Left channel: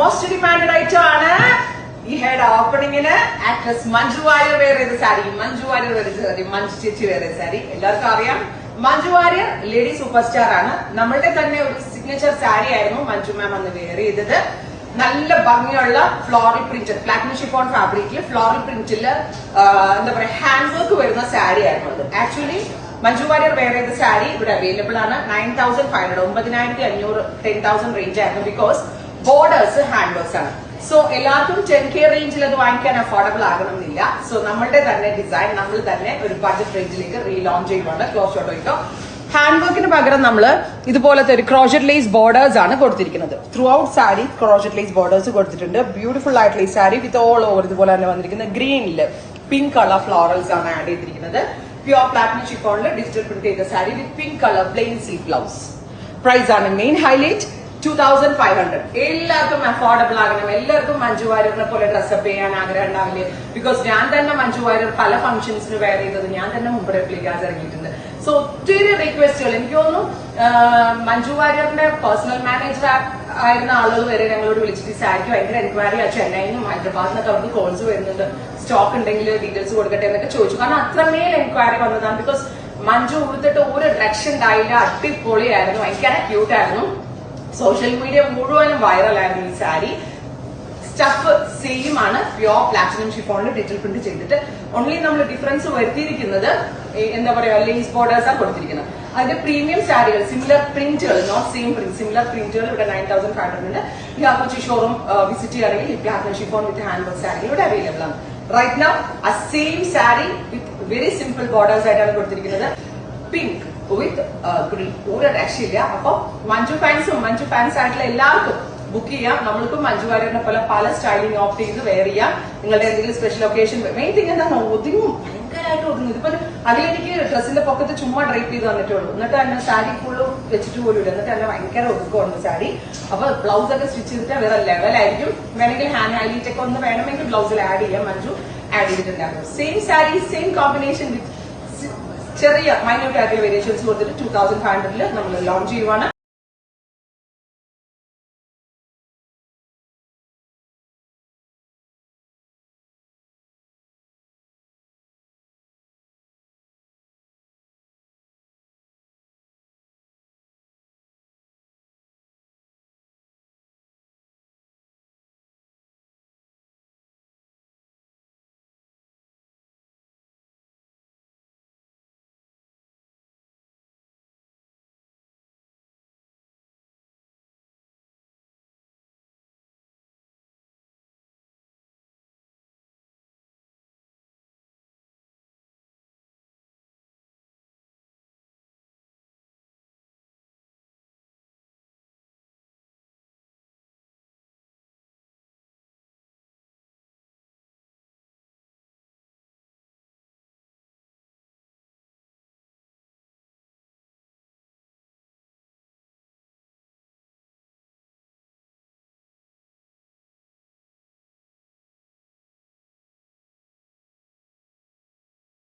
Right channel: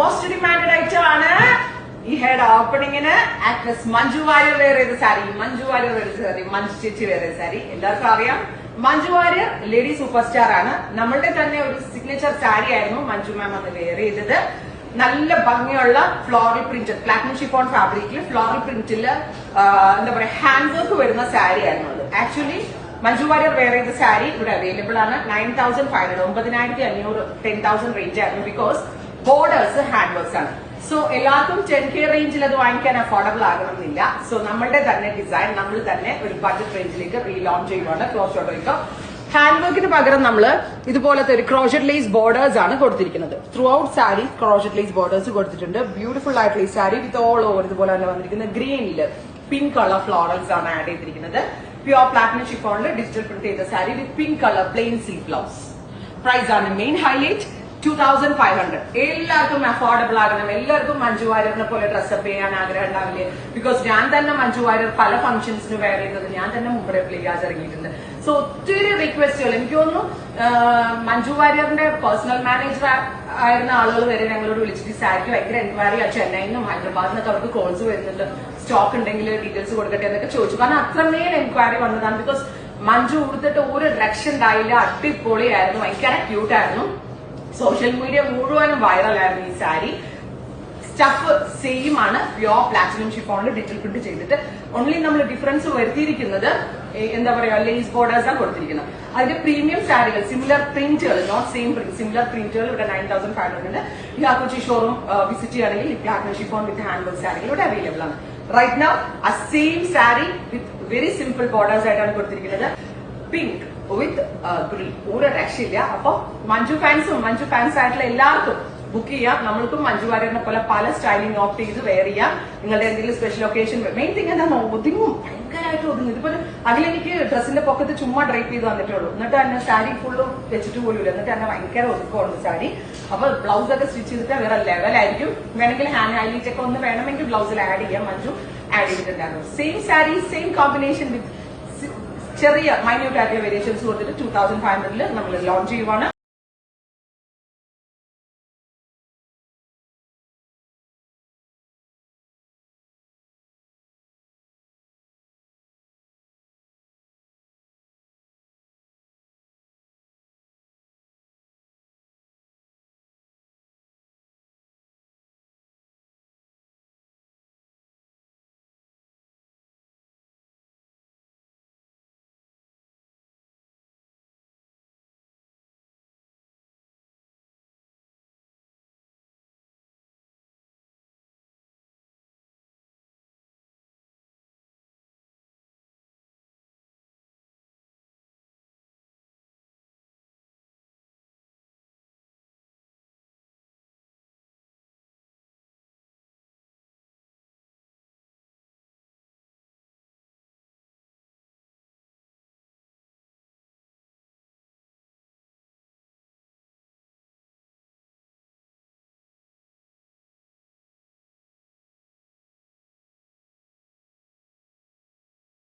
Most demanded item ആണ്. ഈ head ഓപ്പണിങ്ങിന് ആക്ട്രസ് മഞ്ജു വാര്യർ വെയർ ചെയ്ത സാരി, മഞ്ജു വാര്യർ വെയർ ചെയ്ത സാരി, മഞ്ജു ചേച്ചി വെയർ ചെയ്ത സാരി. എല്ലാവർക്കും അറിയാം Manju Warrier lady super star ആണ്. നമ്മളുടെ തന്നെ ഒരു സിഗ്നേച്ചർ സാരി ആയിരുന്നു മഞ്ജു മാം അന്ന് വെയർ ചെയ്തത്. നല്ല ഭംഗിയുള്ള ഫ്ലോറൽ പ്രിന്റ്, പ്ലാറ്റിനം ഷിഫോൺ ഫാബ്രിക്കിൽ ഫ്ലോറൽ പ്രിന്റില് എന്താ പറയാ ഹാൻഡ് വർക്ക് വരുന്ന സാരി ആയിരുന്നു അത്. ആക്ച്വലി മഞ്ജു വാര്യർ വെയർ ചെയ്ത സാരി ഇവിടെ അവൈലബിൾ ആണ്. 9,500 9,500 10,000 റേഞ്ച് ആയിരുന്നു. ബിക്കോസ് ബോർഡേഴ്സ് ഹാൻഡ് വർക്ക്സ് ആണ്. സോ എല്ലാവർക്കും 10K റേഞ്ചിൽ അത് വാങ്ങിക്കാൻ അഫോർഡബിൾ ആകണമെന്നില്ല. സോ നമ്മളുടെ തന്നെ ഡിസൈൻ നമ്മൾ തന്നെ ഒരു ബഡ്ജറ്റ് റേഞ്ചിലേക്ക് റീലോഞ്ച് ചെയ്യുന്നുണ്ട്. ക്ലോഷോട്ടോ ഹാൻഡ് വർക്കിന് പകരം നമ്മൾ ഇതുപോലത്തെ ഒരു ക്രോഷറ്റ് ലേസ് ബോർഡേഴ്സ് ആണ് കൊടുത്തിരിക്കുന്നത്. Throughout sari crochet lace borders കൊടുത്തിട്ടുണ്ട്. ബ്യൂട്ടിഫുൾ ആയിട്ടുള്ള ഈ സാരി വിത്ത് ഓൾ ഓവർ ഇതുപോലെ തന്നെ വന്നിരിക്കുന്നത് ഗ്രീനില് പിങ്ക് കളർ ഫ്ലോറൽസ് ആണ് ആഡ് ചെയ്തിരിക്കുന്നത്. പ്യുവർ പ്ലാറ്റിനം ഷിഫോണിൽ ഡിജിറ്റൽ പ്രിന്റ് ചെയ്ത sari with pink colour plain see blouse. Price ആണ് മെയിൻ ഹൈലൈറ്റ്. 2,500. എല്ലാവർക്കും അഫോർഡബിൾ ആകണം. എല്ലാവർക്കും മഞ്ജു വാര്യറിനെ പോലെ ഡ്രസ്സപ്പ് ചെയ്യാൻ ആഗ്രഹം ഉണ്ടാവില്ലേ? ബിക്കോസ് ഞാൻ തന്നെ മഞ്ജു വാര്യർ പല ഫംഗ്ഷൻസിന് വെയർ ചെയ്യുന്നത് ഞാൻ തന്നെ മുമ്പ് റെപ്ലിക്കാസ് ഇറങ്ങിയിട്ടുണ്ട്. സോ ഒത്തിരി റിക്വസ്റ്റുകൾ. എനിക്ക് തോന്നുന്നു മഞ്ജു വാര്യറിന്റെ പേഴ്സണൽ മാനേജർ ആയിരുന്ന ആളുകൾ വരെ ഞങ്ങളോട് വിളിച്ചിട്ട് സാരിക്ക് ഭയങ്കര എൻക്വയറി ആ ചെന്നൈയിൽ നിന്നും ഹൈദരാബാദിൽ നിന്നൊക്കെ അവർക്ക് കോൾസ് വരുന്നുണ്ട്. സ്റ്റോക്ക് ഉണ്ടെങ്കിൽ ഡീറ്റെയിൽസ് കൊടുക്കട്ടെ എന്നൊക്കെ ചോദിച്ചു. കാരണം അത്രമേൽ എൻക്വയറി വന്നതാണ്. ബിക്കോസ് മഞ്ജു ഉടുത്തിട്ട് ഒരു ഡ്രക്ഷൻ ഉണ്ടായില്ല. അടിപൊളിയായിരുന്നു. ഭയങ്കര ക്യൂട്ട് ആയിരുന്നു. സോഷ്യൽ മീഡിയ മുഴുവനും വൈറലായിരുന്നു ഈ സാരി. സ്റ്റഫ് സെയിം ആണ്. പ്യുവർ പ്ലാറ്റിനം ഷിഫോണിൽ ഡിജിറ്റൽ പ്രിന്റ് ചെയ്തിട്ട് ഓൺലി നമ്മൾ ഡിഫറൻസ് വരുത്തിയിരിക്കുന്നത് എന്താ പറയാ ലേസ് ബോർഡേഴ്സ് ആണ് കൊടുത്തിരിക്കുന്നത്. അതിന്റെ പ്രീമിയം സാരികൾ സിമിലർ പ്രിന്റുകൾ, നോട്ട് സെയിം പ്രിന്റ്, സിമിലർ പ്രിന്റുകൾ ഇവിടെ 9,500 ഈ ആക്കുച്ചി ഷോറൂം വിസിറ്റ് ചെയ്യുകയാണെങ്കിൽ ഈ platinum chiffon with hand work sari ഇവിടെ അവൈലബിൾ ആണ്. റൈറ്റ് നൗ ആ same sari with very simple borders ആയിട്ടാണ് കൊടുത്തിരിക്കുന്നത്. പിങ്ക് വിത്ത് ഗ്രീൻ, ഒരു രക്ഷയില്ല. അപ്പൊ മഞ്ജു ഫാൻസ് ആയിട്ടുള്ള എല്ലാവർക്കും ബുക്ക് ചെയ്യാം. നമ്മൾക്കും മഞ്ജു വാര്യറിനെ പോലെ പല സ്റ്റൈലിംഗ് ഓപ്റ്റ് ചെയ്ത് വെയർ ചെയ്യാം. നിങ്ങളുടെ എന്തെങ്കിലും സ്പെഷ്യൽ ഒക്കേഷൻ, മെയിൻ തിങ് എന്താണ് ഒതുങ്ങും, ഭയങ്കരമായിട്ട് ഒതുങ്ങും. ഇതിപ്പോ അതിലെനിക്ക് ഡ്രസ്സിന്റെ പൊക്കത്ത് ചുമ്മാ ഡ്രൈപ്പ് ചെയ്ത് തന്നിട്ടുള്ളൂ. എന്നിട്ട് തന്നെ സാരി ഫുള്ള് വെച്ചിട്ട് പോലും ഇല്ല. എന്നിട്ട് തന്നെ ഭയങ്കര ഒതുക്കമാണ് സാരി. അപ്പൊ ബ്ലൗസ് ഒക്കെ സ്റ്റിച്ച് ചെയ്തിട്ട് വേറെ ലെവലായിരിക്കും. വേണമെങ്കിൽ ഹാൻഡ് ഹൈലൈറ്റ് ഒക്കെ ഒന്ന് വേണമെങ്കിൽ ബ്ലൗസിൽ ആഡ് ചെയ്യാം. മഞ്ജു ആഡ് ചെയ്തിട്ടുണ്ടായിരുന്നു. Same sari same combination with ചെറിയ മൈന്യൂട്ട് ആയിട്ടുള്ള വേരിയേഷൻസ് കൊടുത്തിട്ട് 2,500 നമ്മൾ ലോഞ്ച് ചെയ്യുവാണ്.